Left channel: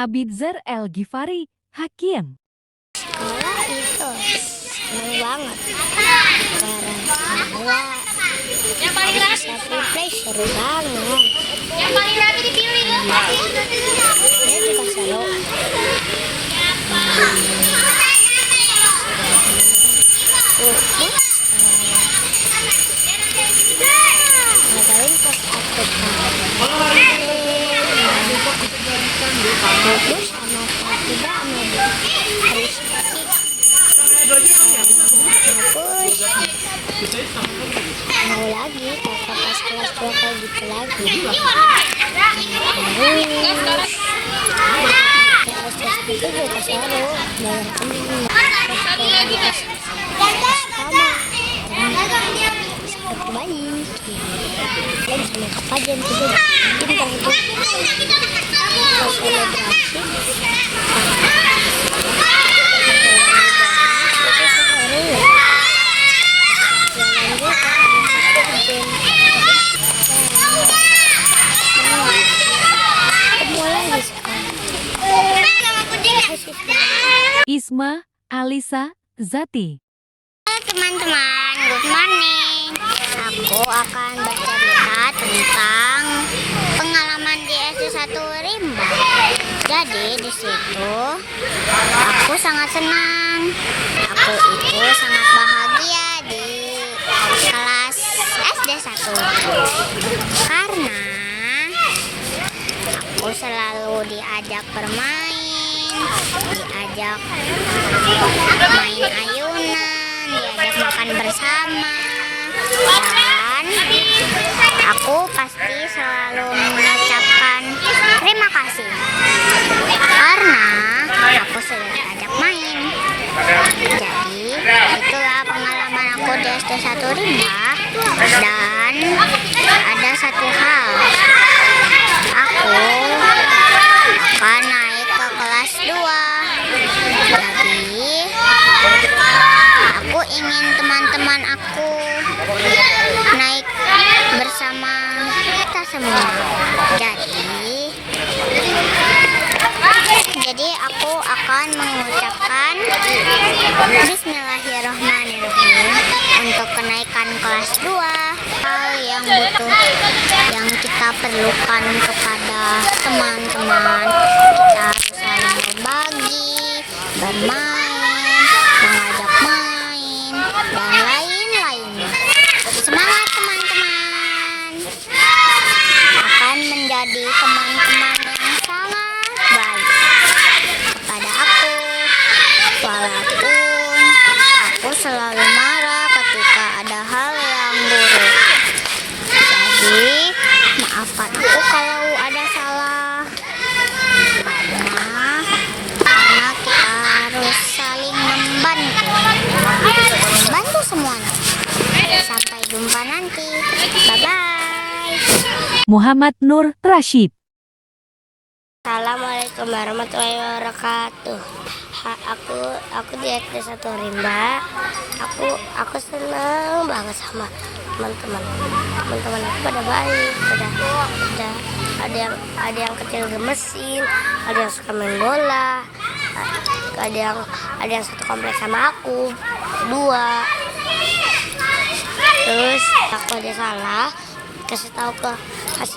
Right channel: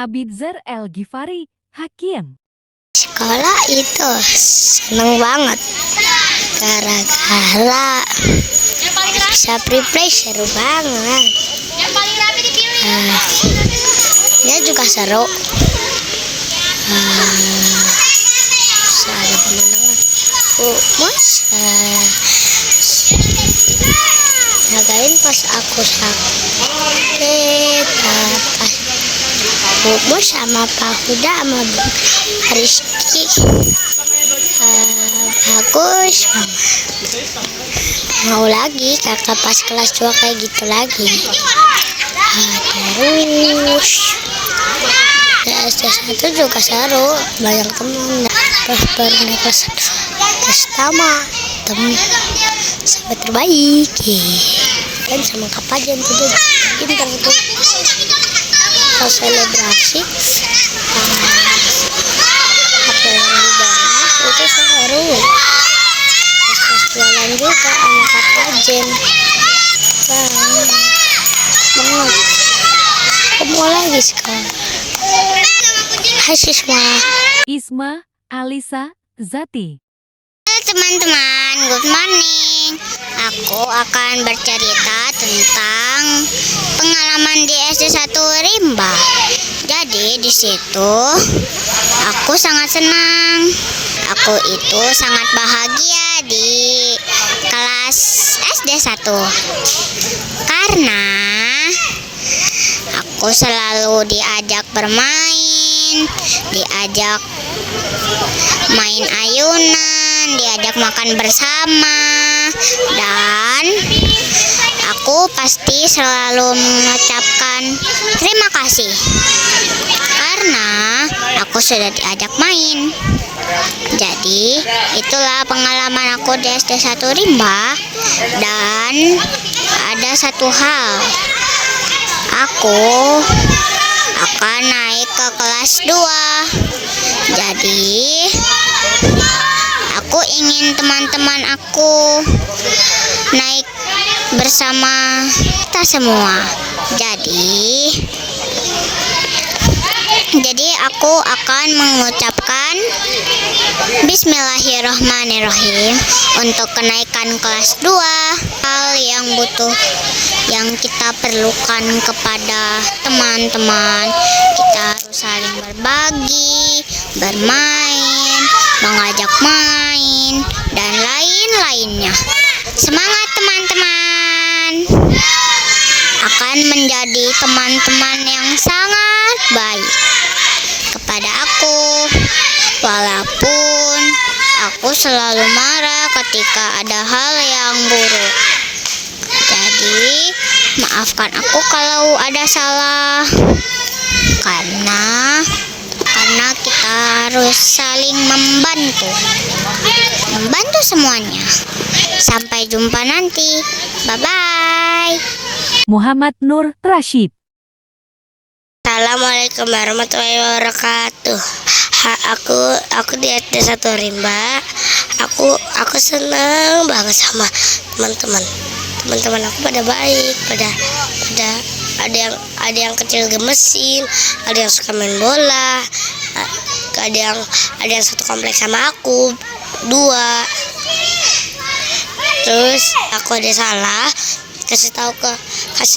Abidzar El-Ghifari, Hakim. Sekolah itu seneng banget gara-gara bisa prepare seru banget. Dia juga seru. Jagain pas aku sakit, Bobo sama Pak Huda sama Rizky bagus. Mau lagi kakak pas kelas 2 kayak gitu lagi. Terus di SD 1 juga seru, banyak temen. Terus pernah pas pertama temen sampai terbaik. Dan sama kakak Jen itu pintar tuh. Pas selebrasi itu seru. Jualan juga sama kakak Jen. Ketemu lagi sekarang. Hai siswa. Isma, Alisa, Zati. Halo teman-teman, good morning. Aku akan bercerita tentang pengalaman di SD 1 Rimba. Jadi di situ aku sangat senang. Aku itu sangat bahagia di kelas SD 1 karena aku selalu diajak bermain, diajak main ayunan, diajak makan bersama, dan aku pasti selalu mengucapkan terima kasih karena aku sudah diajak main. Jadi itulah pengalaman aku di SD 1 Rimba. Dan ada satu hal, aku akan naik ke kelas 2. Jadi aku ingin teman-teman aku naik bersama kita semua. Jadi aku akan mengucapkan Bismillahirrohmanirrohim untuk kenaikan kelas 2. Hal yang kita perlukan kepada teman-teman, kita harus saling berbagi, bermain, mengajak main, dan lain-lainnya. Semangat teman-teman, akan menjadi teman-teman yang sangat baik kepada aku, walaupun aku selalu marah ketika ada hal yang buruk. Jadi maafkan aku kalau ada salah, karena kita harus saling membantu semuanya. Sampai jumpa nanti, bye bye. Muhammad Nur Rashid. Assalamualaikum warahmatullahi wabarakatuh. Aku di SD 1 Rimba. Aku senang banget sama teman-teman. Teman-teman aku pada baik, ada yang kecil gemesin, ada yang suka main bola, ada yang satu kompleks sama aku, 2. Terus aku ada salah, kasih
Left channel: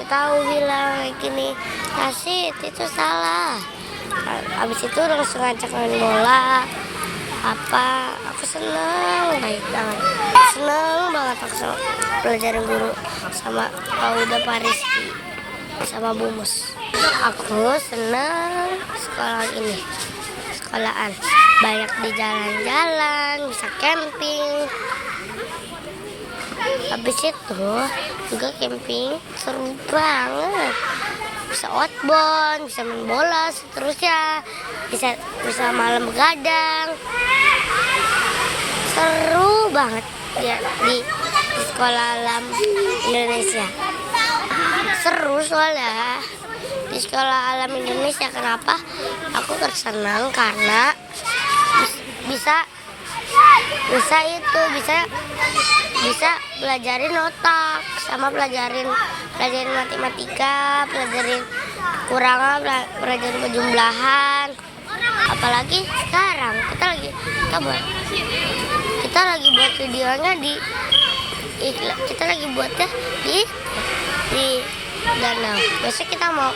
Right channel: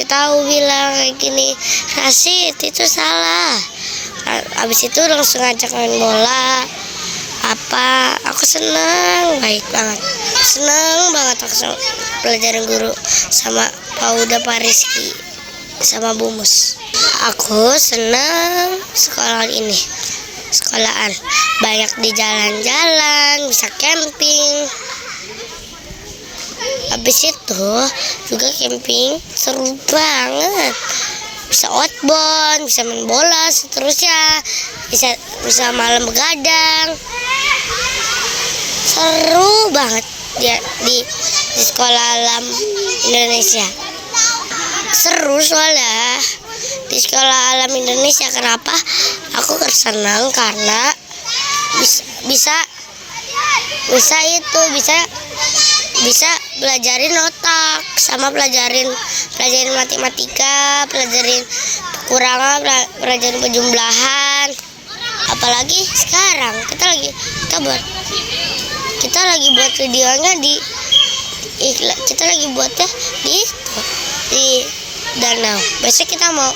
tahu bilang kayak gini, Rasid itu salah. Abis itu langsung ngajak main bola. Aku senang banget aku pelajaran guru sama Pak Uda, Pak Rizky sama Bu Mus. Aku senang sekolahan banyak di jalan-jalan, bisa camping. Habis itu juga camping seru banget, bisa outbound, bisa main bola, seterusnya bisa malam begadang. Seru banget di sekolah alam Indonesia. Seru soalnya di sekolah alam Indonesia. Kenapa aku senang? Karena bisa bisa belajarin otak sama pelajarin matematika, pelajarin kekurangan, pelajarin penjumlahan. Apalagi sekarang kita lagi buat videonya kita lagi buatnya di danau. Besok kita mau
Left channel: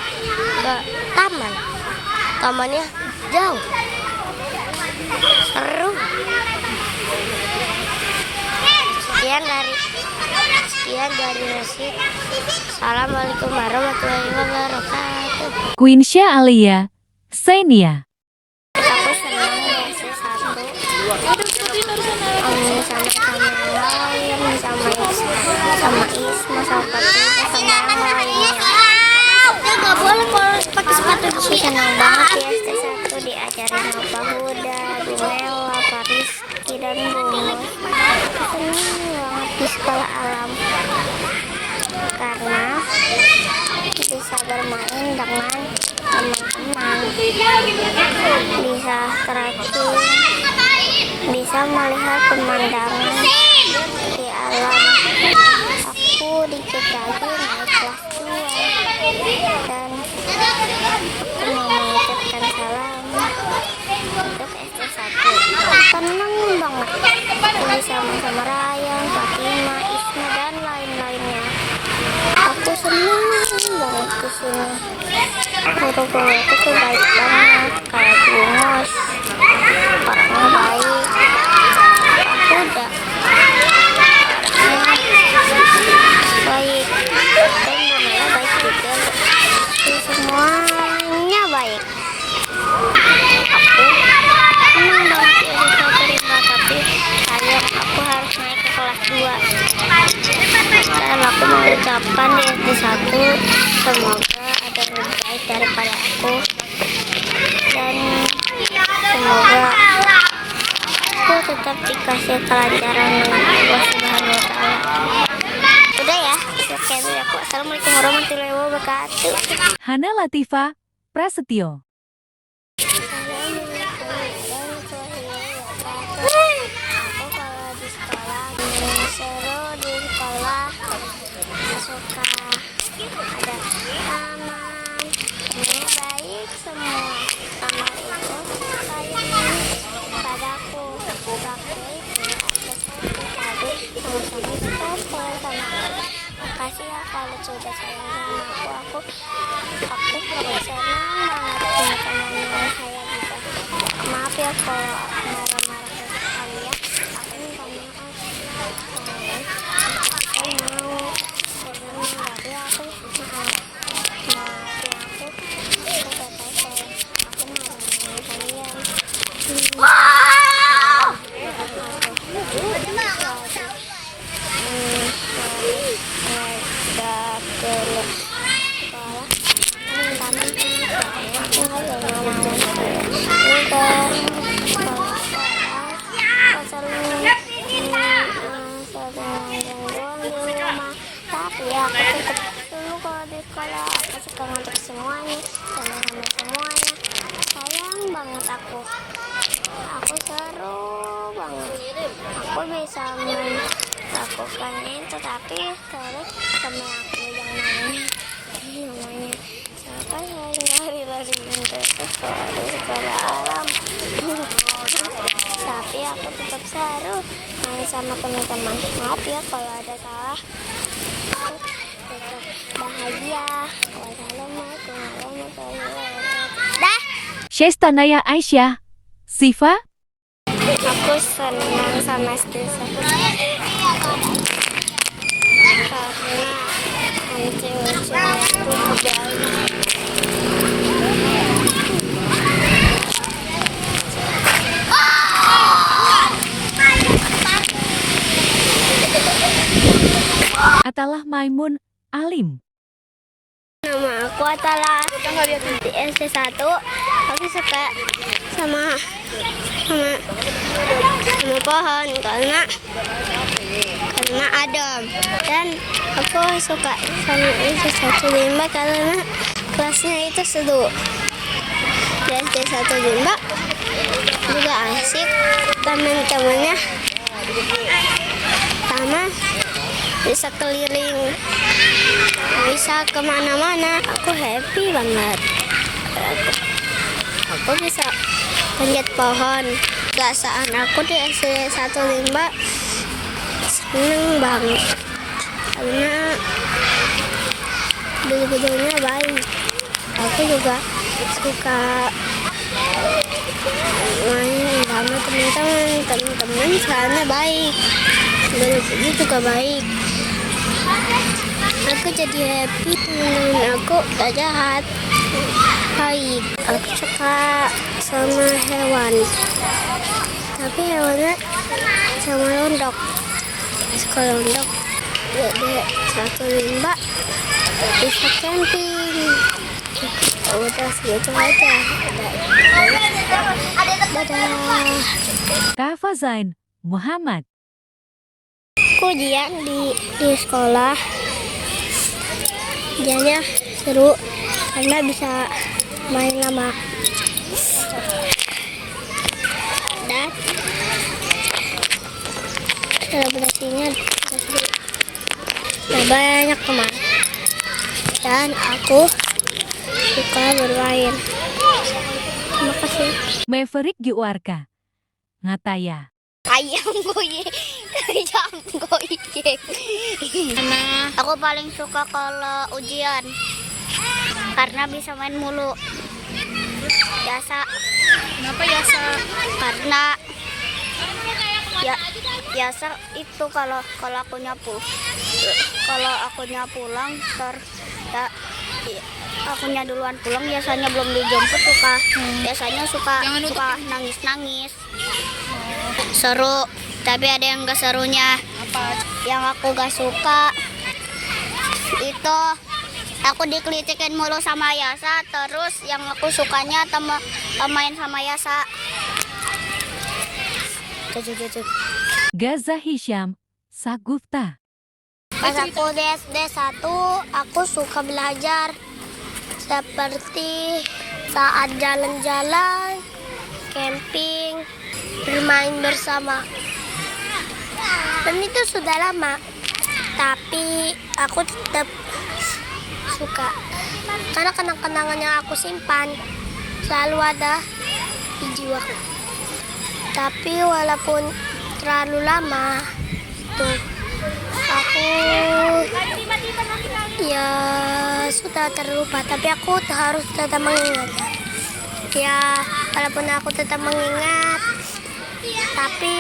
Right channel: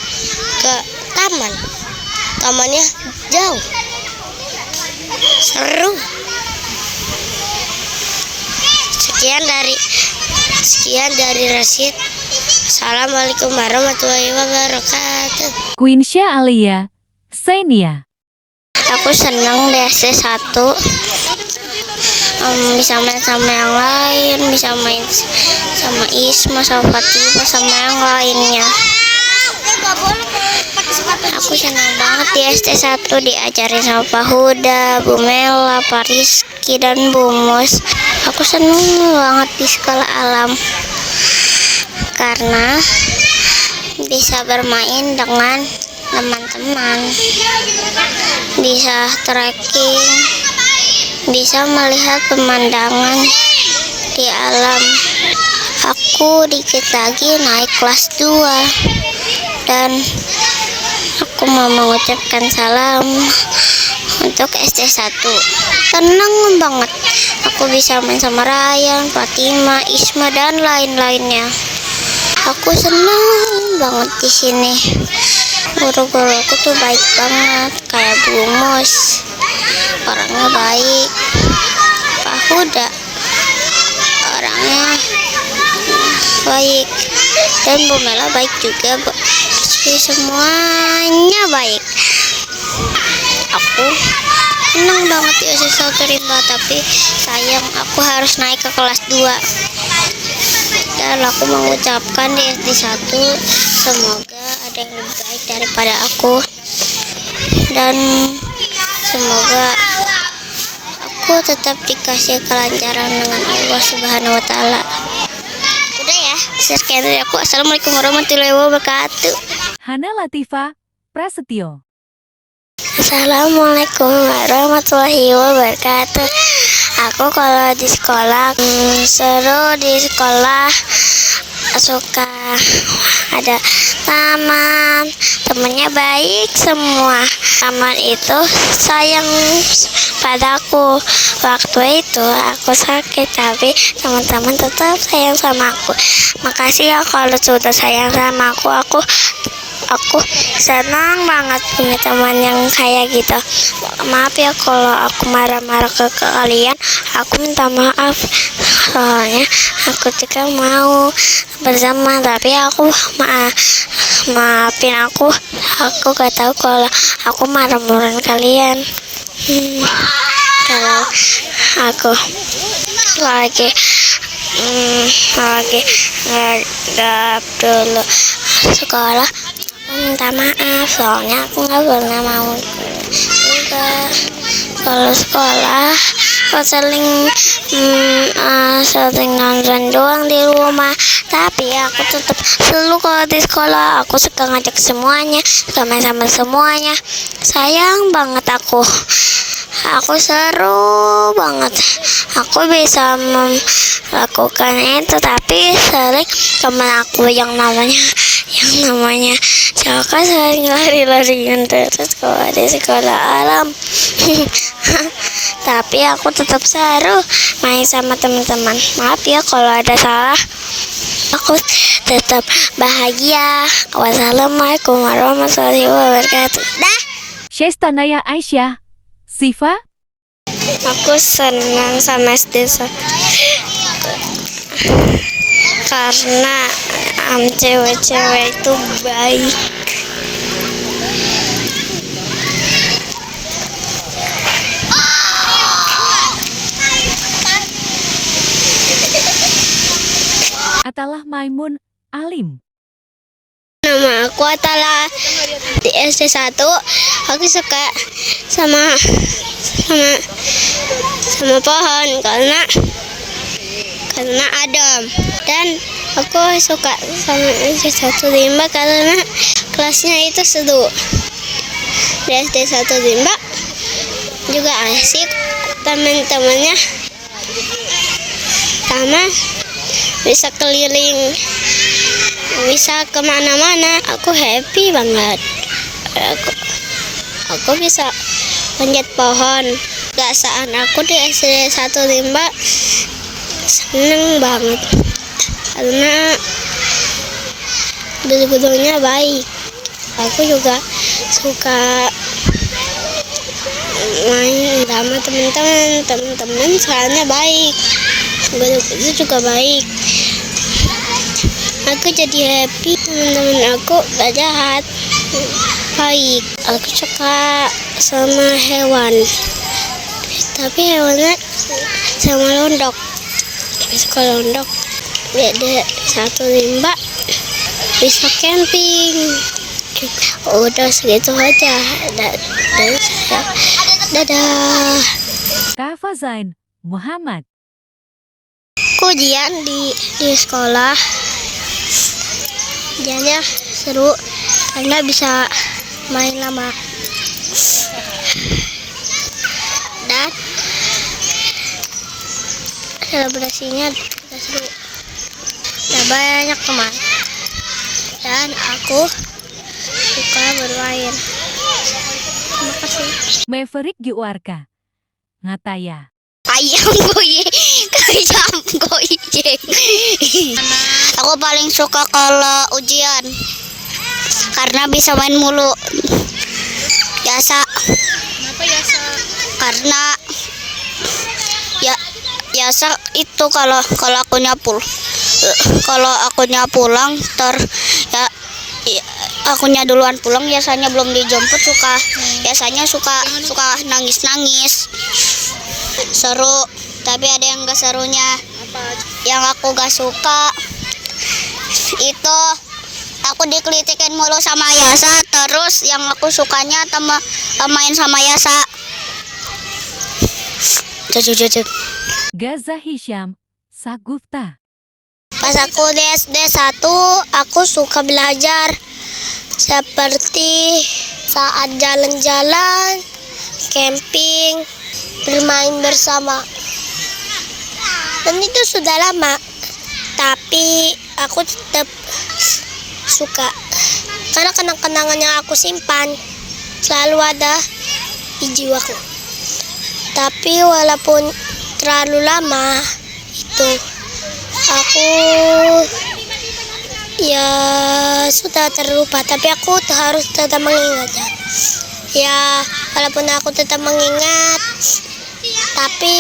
ke tamannya jauh, seru. Sekian dari Rashid. Assalamualaikum warahmatullahi wabarakatuh. Queensya Alia, Senia. Aku senang di SD 1, bisa main sama yang lain, bisa main sama Isma, sama Fatima, sama yang lainnya. Aku senang banget di SD 1 diajarin sama Pak Huda, Bu Mela, Pak Rizky, dan Bu Mus. Aku senang banget di sekolah alam karena bisa bermain dengan teman-teman, bisa trekking, bisa melihat pemandangan di alam. Aku dikit lagi naik kelas 2 dan aku mau mengucapkan salam untuk SD 1. Tenang banget, aku bisa main sama Ryan, Fatima, Isma, dan lain-lainnya. Aku senang banget di sini. Guru-guru aku tuh baik banget, kayak Bu Mus, orangnya baik. Pak Huda, orangnya baik, dan Bu Mela baik juga. Semuanya baik. Aku senang banget di SD 1 Rimba, tapi sayang aku harus naik ke kelas 2. Dan aku mengucapkan di SD 1 semoga ada yang lebih baik daripada aku, dan semoga aku tetap dikasih kelancaran dengan Allah Subhanahu wa Ta'ala. Udah ya, sekian dari aku. Assalamualaikum warahmatullahi wabarakatuh. Hana Latifa, Prasetyo. Assalamualaikum warahmatullahi wabarakatuh. Aku kalau di sekolah seru, di sekolah suka ada temannya baik semua. Teman itu sayang padaku. Waktu itu aku sakit, tapi teman-teman tetap sayang sama aku. Makasih ya kalau sudah sayang sama aku senang banget punya teman yang kayak gitu. Maaf ya kalau aku marah-marah ke kalian, aku minta maaf. Soalnya aku juga mau bersama, tapi aku maafin aku gak tahu kalau aku marah-marahin kalian. Kalau aku lagi ngadap dulu sekolah, minta maaf soalnya aku nggak pernah mau juga. Kalau sekolah aku sering nonton doang di rumah, tapi aku tetap selalu kalau di sekolah aku suka ngajak semuanya, suka main sama semuanya. Sayang banget aku seru banget, aku bisa melakukan itu, tapi sering teman aku yang namanya Jaka sering lari-larian terus kalau di sekolah alam. Tapi aku tetap seru main sama teman-teman. Maaf ya kalau ada salah. Aku tetap bahagia. Wassalamualaikum warahmatullahi wabarakatuh. Dah. Syestanaya Aisyah, Siva. Aku senang sama SD karena cewek-cewek itu baik. Atalah Maimun, Alim. Nama aku Atala. Di SD 1 aku suka sama pohon karena adem, dan aku suka sama SD 1 Rimba karena kelasnya itu seru. Di SD 1 Rimba juga asik, teman-temannya pertama bisa keliling, bisa kemana-mana. Aku happy banget. Aku bisa panjat pohon. Perasaan aku di SD 15 seneng banget karena guru-gurunya baik. Aku juga suka main sama teman-teman soalnya baik, guru-guru juga baik. Aku jadi happy, teman-teman aku gak jahat, baik. Aku suka sama hewan, tapi hewannya sama londok. Suka londok. Jadi 15 bisa camping. Udah segitu aja. Dadah. Kak Fazain Muhammad. Aku ujian di sekolah. Ujiannya seru karena bisa main lama. Dan selebrasinya seru. Nah, banyak teman. Dan aku suka bermain. Terima kasih. Maverick Giwarka. Ngataya. Ayam goyang, ayam goyang. Aku paling suka kalau ujian karena bisa main mulu. Biasa. Kenapa biasa? Karena ya biasa itu kalau akunya pulang ya akunya duluan pulang, biasanya belum dijemput biasanya suka nangis seru, tapi ada yang gak serunya. Yang aku gak suka itu aku dikelitikin mulu sama Yasa, terus yang aku sukanya main sama Yasa. Gaza Hisham Sagufta. Pas aku di SD 1, aku suka belajar seperti saat jalan-jalan, camping, bermain bersama. Dan itu sudah lama, tapi aku tetap suka karena kenang-kenangan yang aku simpan selalu ada di jiwaku. Tapi walaupun terlalu lama itu, aku ya sudah terlupa, tapi aku harus tetap mengingatnya. Ya, walaupun aku tetap mengingat, tapi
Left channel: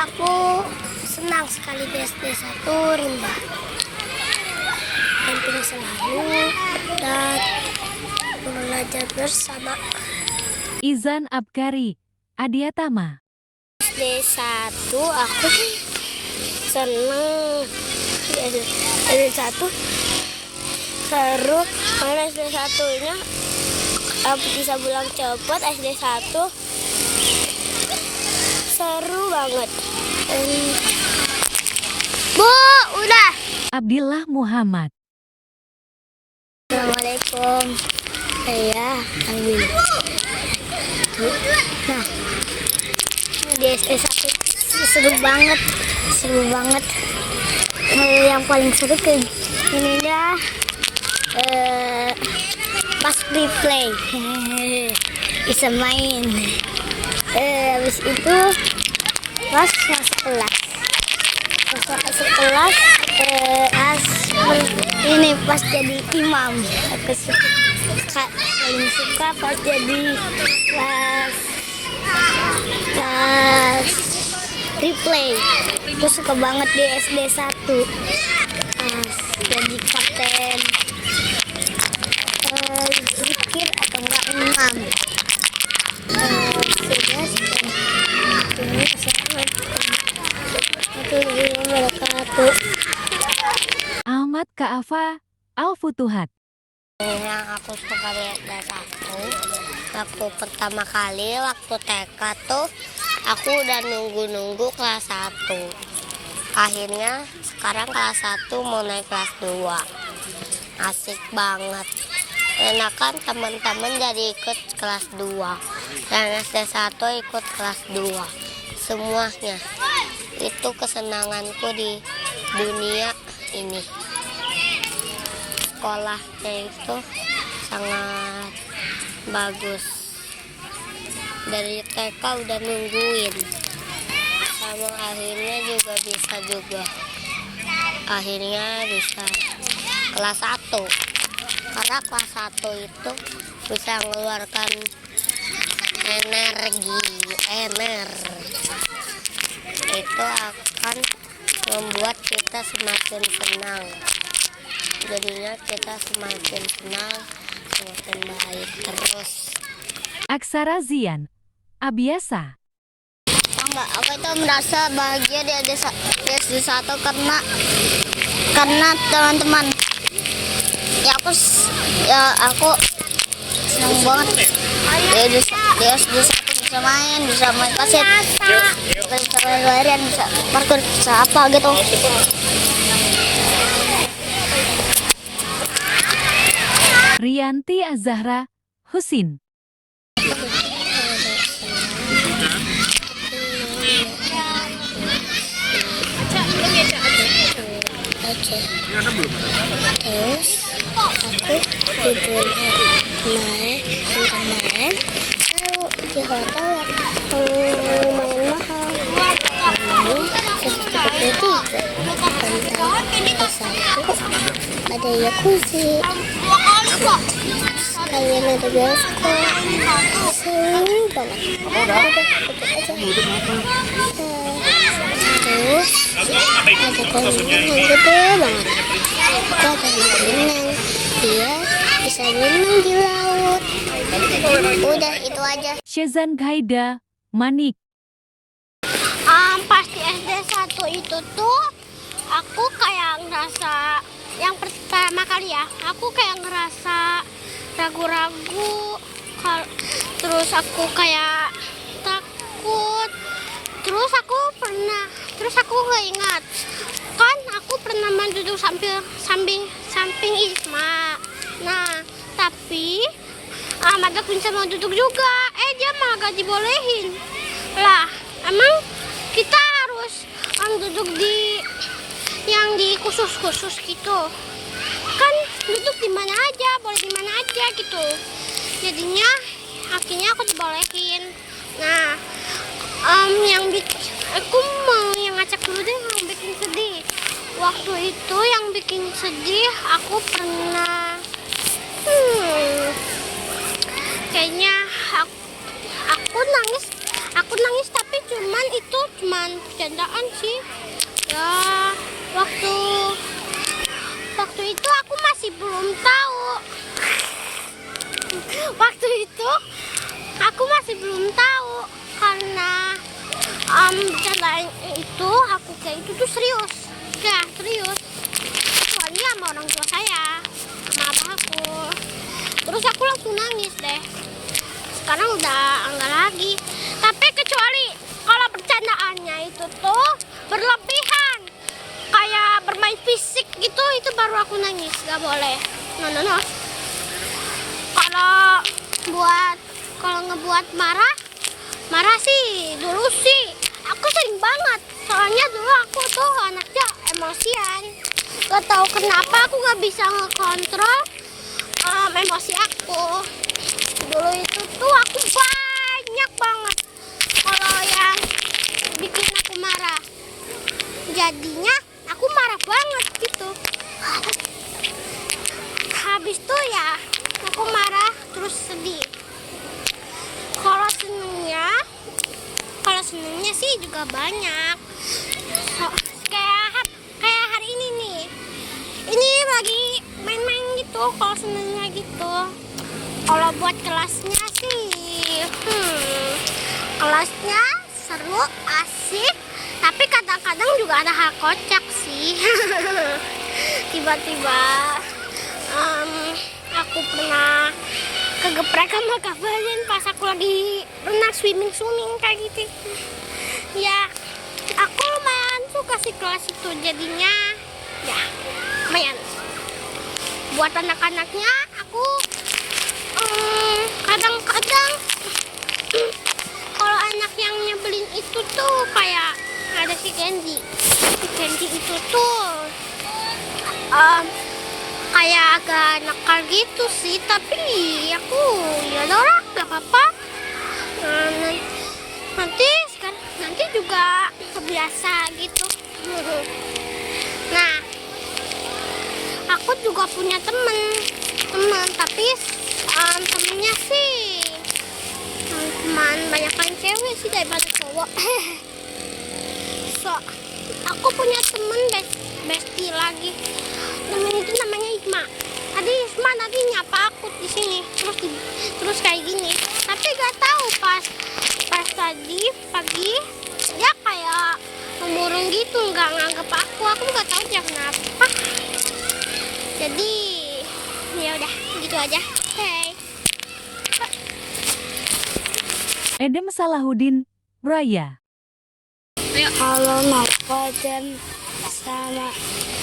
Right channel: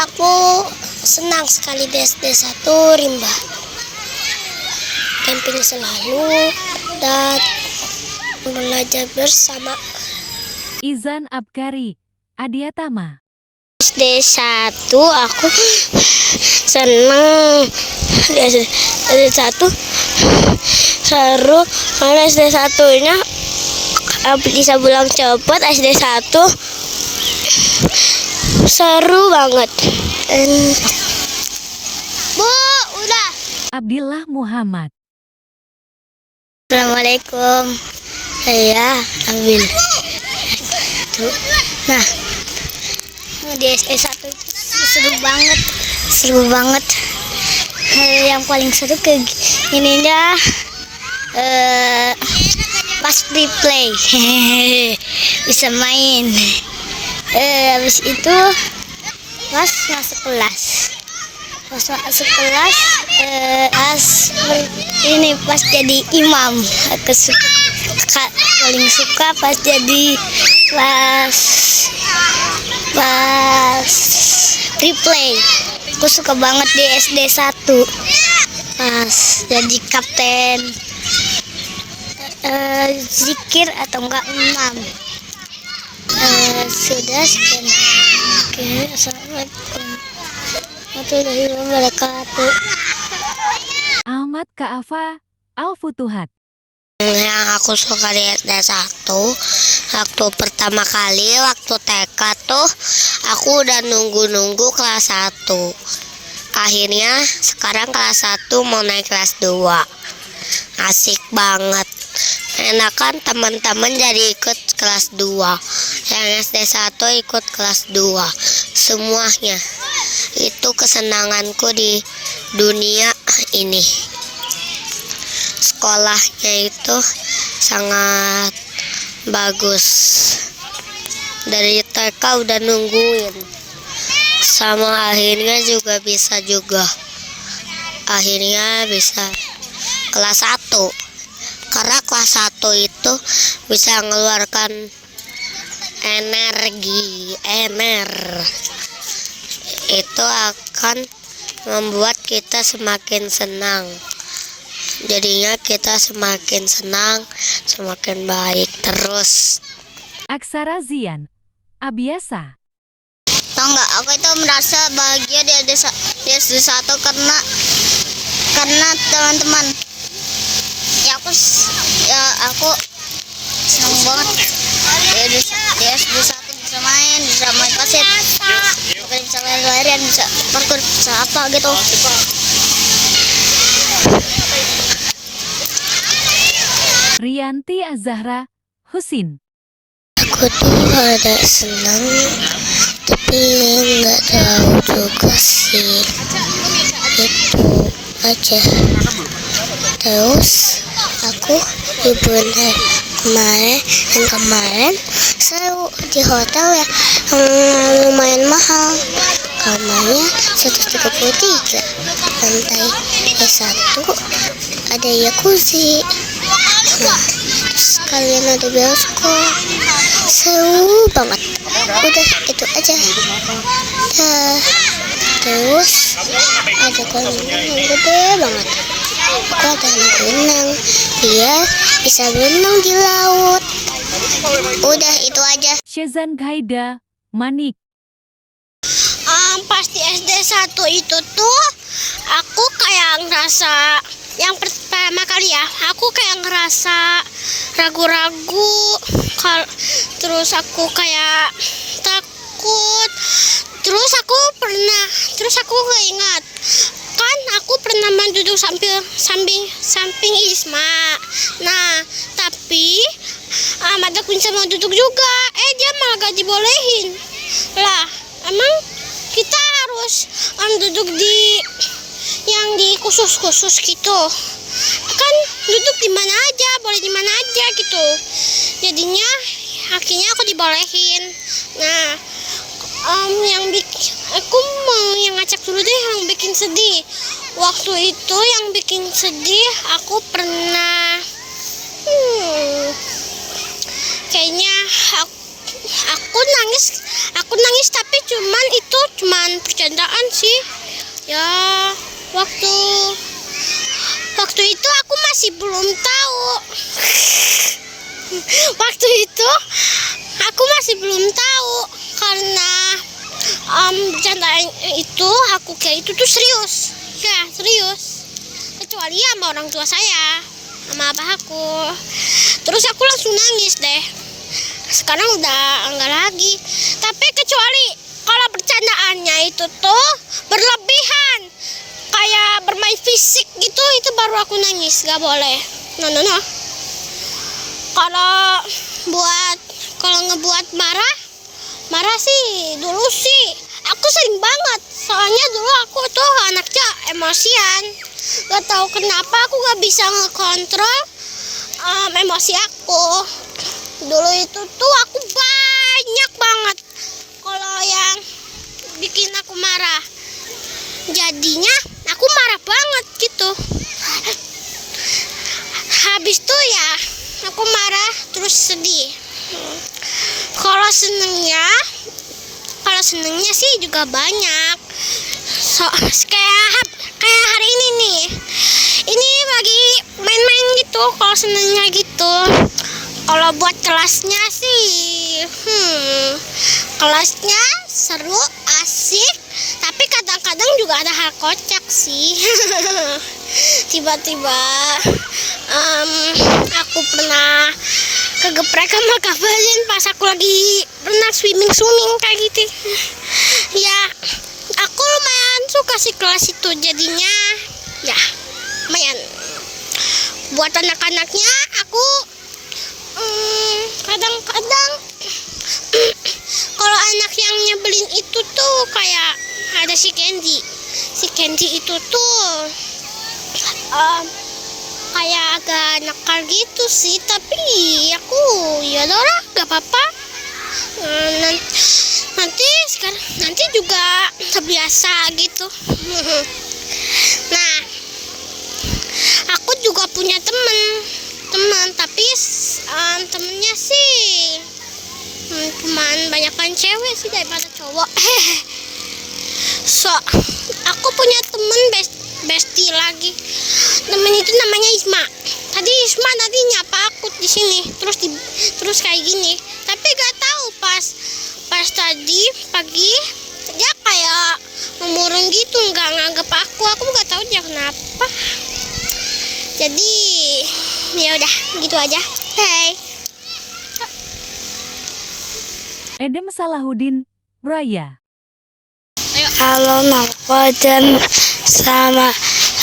aku senang sekali di SD 1 Rimba. Camping selalu dan belajar bersama. Izan Abkari Adiatama. SD 1 aku senang. SD 1 seru karena SD 1-nya bisa pulang cepat. SD 1 seru banget. Bu, udah. Abdillah Muhammad. Assalamualaikum. Saya Abil. Nah, di SD 1 seru banget. Yang paling seru ke ininya pas free play. Bisa main. Habis itu pas masuk kelas. Pas jadi imam. Aku paling suka pas jadi pas replay. Aku suka banget di SD 1 pas jadi kapten zikir atau enggak imam. Sudah sekian. Ahmad Ka'afa Al-Futuhat. Yang aku suka di SD 1, waktu pertama kali, waktu TK tuh, aku udah nunggu kelas 1. Akhirnya sekarang kelas 1 mau naik kelas 2. Asik banget. Enakan teman-teman jadi ikut kelas 2. Yang SD 1 ikut kelas 2. Semuanya. Itu kesenanganku di dunia ini. Sekolahnya itu sangat bagus. Dari TK udah nungguin. Sama akhirnya juga bisa juga. Akhirnya bisa kelas 1. Karena kelas 1 itu bisa mengeluarkan energi. Itu akan membuat kita semakin senang. Jadinya kita semakin senang, semakin baik terus. Aksara Zian. Abiasa. Tahu nggak, aku itu merasa bahagia di SD1 karena teman-teman. Aku senang banget di SD1 bisa main pasir, bisa lari-larian, bisa parkour, bisa apa gitu. Rianti Azahra Husin. Aku tuh ada senang, tapi nggak tahu juga sih. Itu aja. Terus aku liburan kemarin sewa di hotel ya, lumayan mahal. Kamarnya 133, lantai 1 ada jacuzzi. Terus kalian ada bioskop, seru banget. Udah itu aja. Terus ada kolam yang gede banget. Aku ada berenang, dia bisa berenang di laut. Udah itu aja. Syezan Ghaida Manik. Pasti SD1 itu tuh aku kayak ngerasa yang pertama kali ya, aku kayak ngerasa ragu-ragu, terus aku kayak takut, terus aku ingat kan aku pernah duduk samping Isma. Nah tapi ada Kunca mau duduk juga, dia malah gak dibolehin lah. Emang kita harus duduk di yang di khusus gitu kan, duduk di mana aja, boleh di mana aja gitu. Jadinya akhirnya aku dibolehin. Nah aku mau yang ngacak dulu deh yang bikin sedih. Waktu itu yang bikin sedih aku pernah kayaknya aku nangis tapi cuman bercandaan sih ya. Waktu itu aku masih belum tahu. Waktu itu aku masih belum tahu karena bercandaan itu aku kayak itu tuh serius. Kecuali sama orang tua saya, sama abah aku. Terus aku langsung nangis deh. Sekarang udah enggak lagi. Tapi kecuali kalau bercandaannya itu tuh berlebihan, kayak bermain fisik gitu, itu baru aku nangis. Gak boleh. No. Kalau ngebuat marah sih dulu sih aku sering banget. Soalnya dulu aku tuh anaknya emosian. Gak tahu kenapa aku gak bisa ngekontrol emosi aku. Dulu itu tuh aku banyak banget kalau yang bikin aku marah. Jadinya aku marah banget gitu. Habis tuh ya aku marah terus sedih. Kalau senengnya sih juga banyak. Kayak hari ini nih. Ini lagi main-main gitu kalau senengnya gitu. Kalau buat kelasnya sih, kelasnya seru, asik, tapi kadang-kadang juga ada hal kocak sih. Tiba-tiba aku pernah kegeprek sama Kak Valin pas aku lagi renang swimming kayak gitu. Ya, aku lumayan suka sih kelas itu, jadinya ya lumayan. Buat anak-anaknya aku kadang-kadang kalau anak yang nyebelin itu tuh kayak ada si Kenji. Si Kenji itu tuh kayak agak nakal gitu sih, tapi aku ya udah lah, gak apa-apa. Nanti juga terbiasa gitu. Nah, aku juga punya temen tapi temennya sih cuman banyakan cewek sih daripada cowok. So, aku punya temen bestie lagi. Temen itu namanya Isma. Tadi Isma nyapa aku di sini, terus kayak gini. Tapi gak tahu pas tadi pagi dia kayak memurung gitu, nggak nganggep aku nggak tahu dia kenapa. Jadi ya udah gitu aja. Hey. Edem Salahuddin, Raya. Kalau Nova dan sama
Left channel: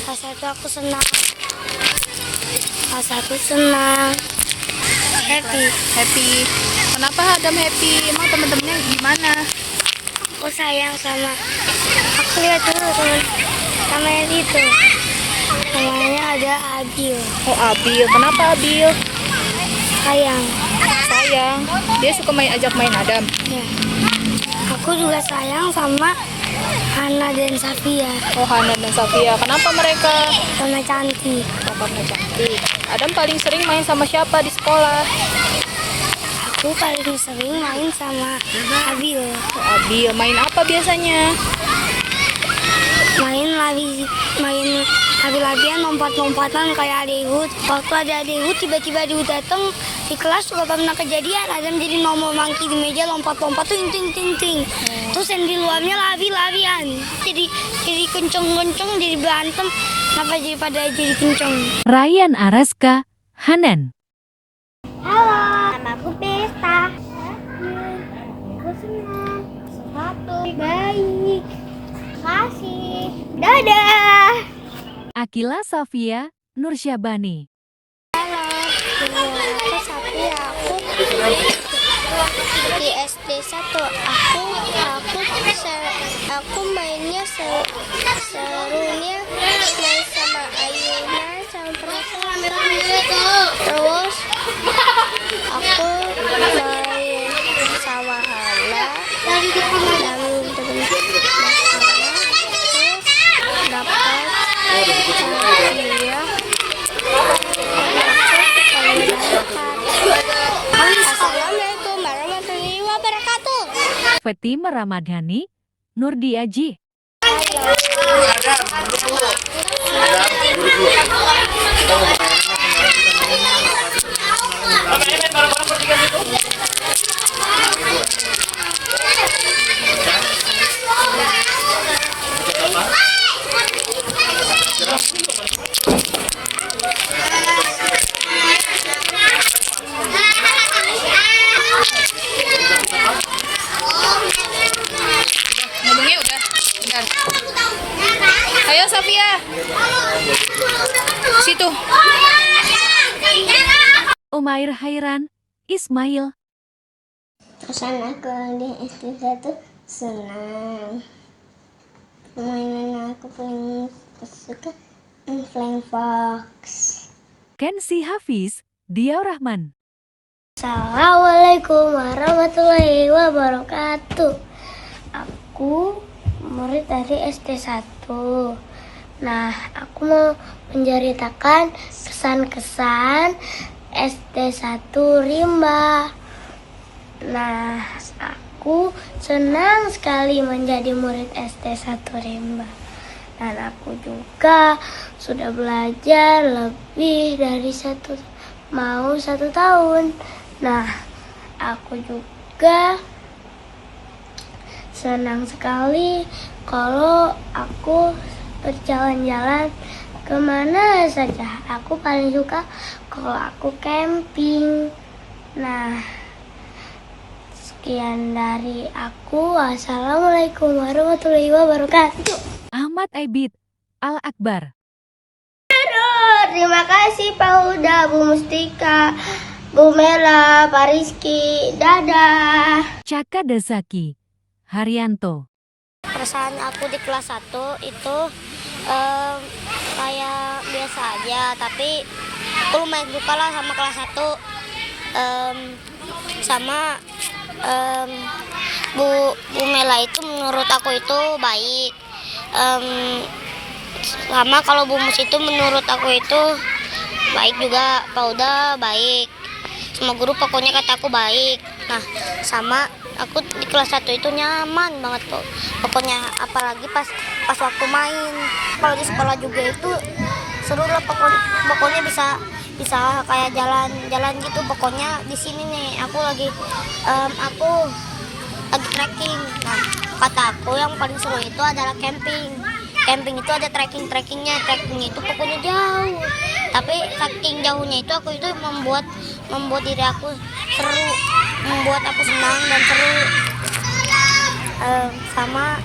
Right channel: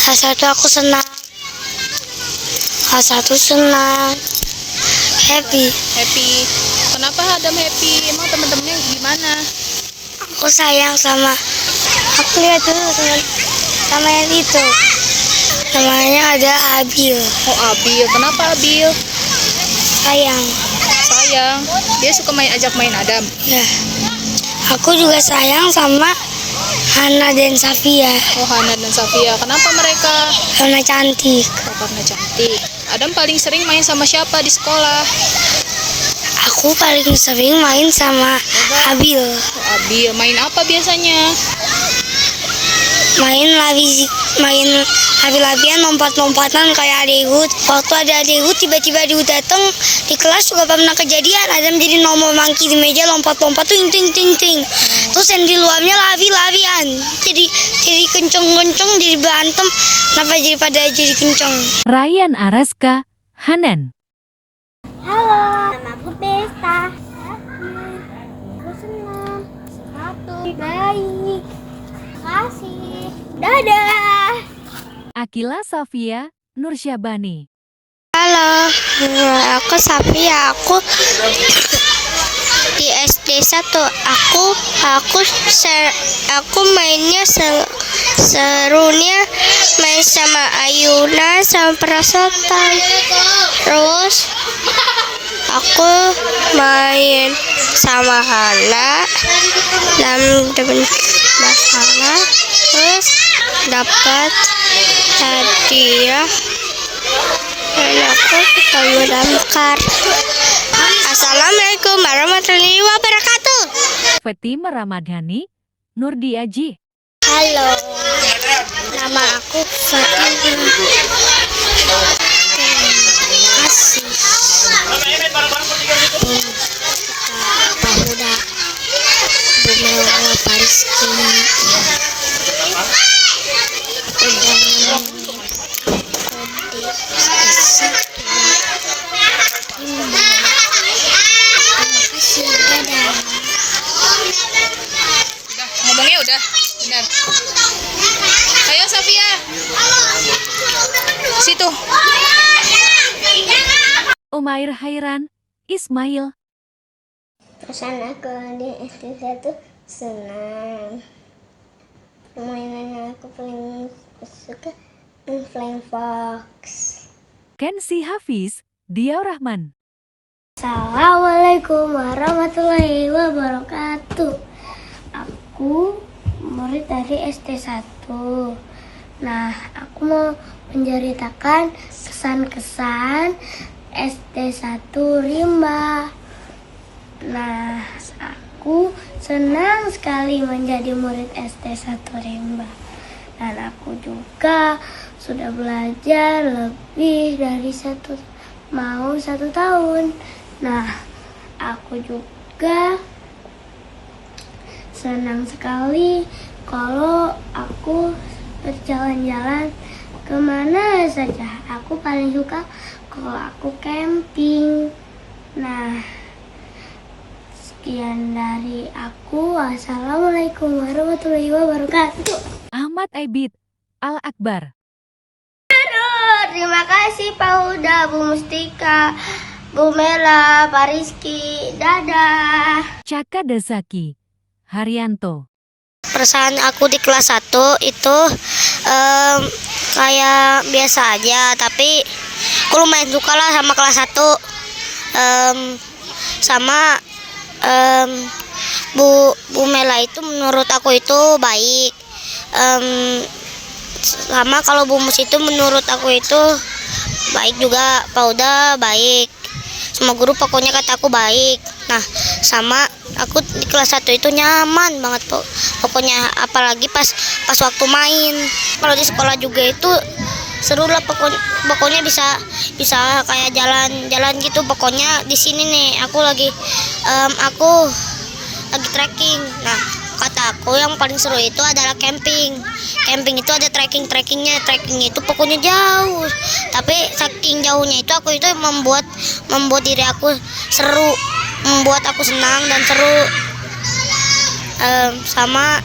satu aku senang. Satu senang. Happy. Kenapa Adam happy? Emang temen-temennya gimana? Aku sayang sama. Aku lihat dulu sama yang itu. Namanya ada Abil. Oh, Abil. Kenapa Abil? Sayang. Dia suka ajak main Adam. Ya. Aku juga sayang sama Hana dan Safia. Oh, Hana dan Safia. Kenapa mereka? Karena cantik. Karena cantik. Adam paling sering main sama siapa di sekolah? Aku paling sering main sama Abil. Oh, Abil. Main apa biasanya? Main labi-labian, lompat-lompatan kayak adekut. Waktu ada adekut tiba-tiba dia datang di kelas juga pernah kejadian. Adam jadi nomor mangki di meja, lompat-lompat tuh ting. Terus yang di luarnya labi-labian. Jadi kenceng-kenceng, jadi berantem. Kenapa jadi kenceng? Ryan Araska, Hanan. Halo, nama aku Besta. Aku senang. Sepatu baik. Makasih. Dadah. Akila Safia, Nursyabani. Halo, aku Safia. Aku di SD 1. Aku mainnya serunya main sama ayunan sama perasotan. Terus aku main sama Hana dan masalah. Terus dapat hadiah dan aku ketemu damkar. Assalamualaikum warahmatullahi wabarakatuh. Fatima Ramadhani, Nurdi Aji. Halo, nama aku Ngomongnya udah. Benar. Ayo Safia. Situ. Umair Hairan, Ismail. Kesana ke di SD 1 senang. Mainan yang aku paling suka Flying Fox. Kensi Hafiz, Diau Rahman. Assalamualaikum warahmatullahi wabarakatuh. Aku murid dari SD 1. Nah, aku mau menceritakan kesan-kesan SD 1 Rimba. Nah, aku senang sekali menjadi murid SD 1 Rimba. Dan aku juga sudah belajar lebih dari 1 tahun. Nah, aku juga senang sekali kalau aku berjalan-jalan kemana saja. Aku paling suka kalau aku camping. Nah, sekian dari aku. Wassalamualaikum warahmatullahi wabarakatuh. Ahmad Aibid, Al-Akbar. Terima kasih Pak Huda, Bu Mustika, Bu Mela, Pak Rizky. Dadah. Caka Dasaki, Haryanto. Perasaan aku di kelas 1 itu kayak biasa aja, tapi aku lumayan suka lah sama kelas 1. Sama Bu Mela itu menurut aku itu baik. Sama kalau Bu Mus itu menurut aku itu baik juga. Pak Uda baik. Semua guru pokoknya kata aku baik. Nah, sama aku di kelas 1 itu nyaman banget pokoknya, apalagi pas waktu main. Kalau di sekolah juga itu seru lah, pokoknya bisa kayak jalan gitu. Pokoknya di sini nih aku lagi trekking. Nah, kata aku yang paling seru itu adalah camping. Camping itu ada trekkingnya itu pokoknya jauh. Tapi saking jauhnya itu aku itu membuat diri aku seru, membuat aku senang dan seru. Sama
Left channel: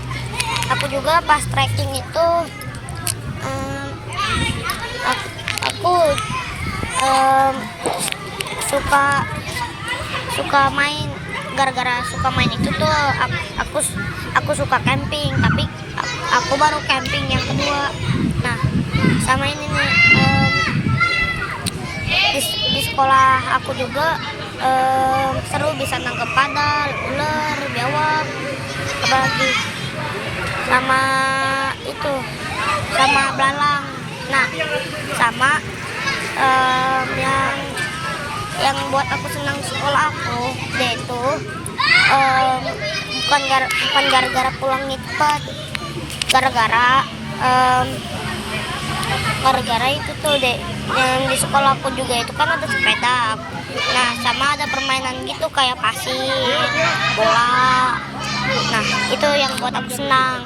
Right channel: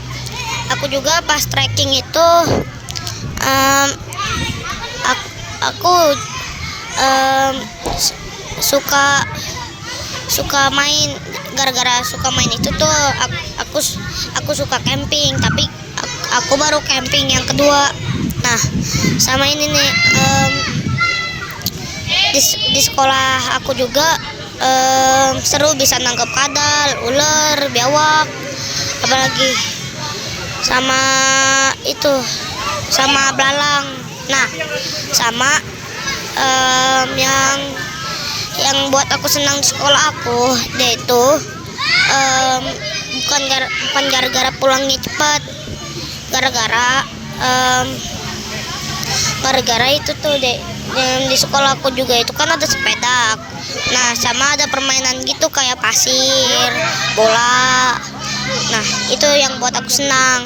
aku juga pas trekking itu aku suka main. Gara-gara suka main itu tuh aku suka camping, tapi aku baru camping yang kedua. Nah, sama ini nih di sekolah aku juga seru, bisa nangkep kadal, ular, biawak, apalagi sama itu, sama belalang. Nah, sama yang buat aku senang di sekolah aku, dia itu bukan gara-gara pulangnya cepat, gara-gara itu tuh deh, yang di sekolah aku juga itu kan ada sepeda. Nah, sama ada permainan gitu kayak pasir, bola. Nah, itu yang buat aku senang.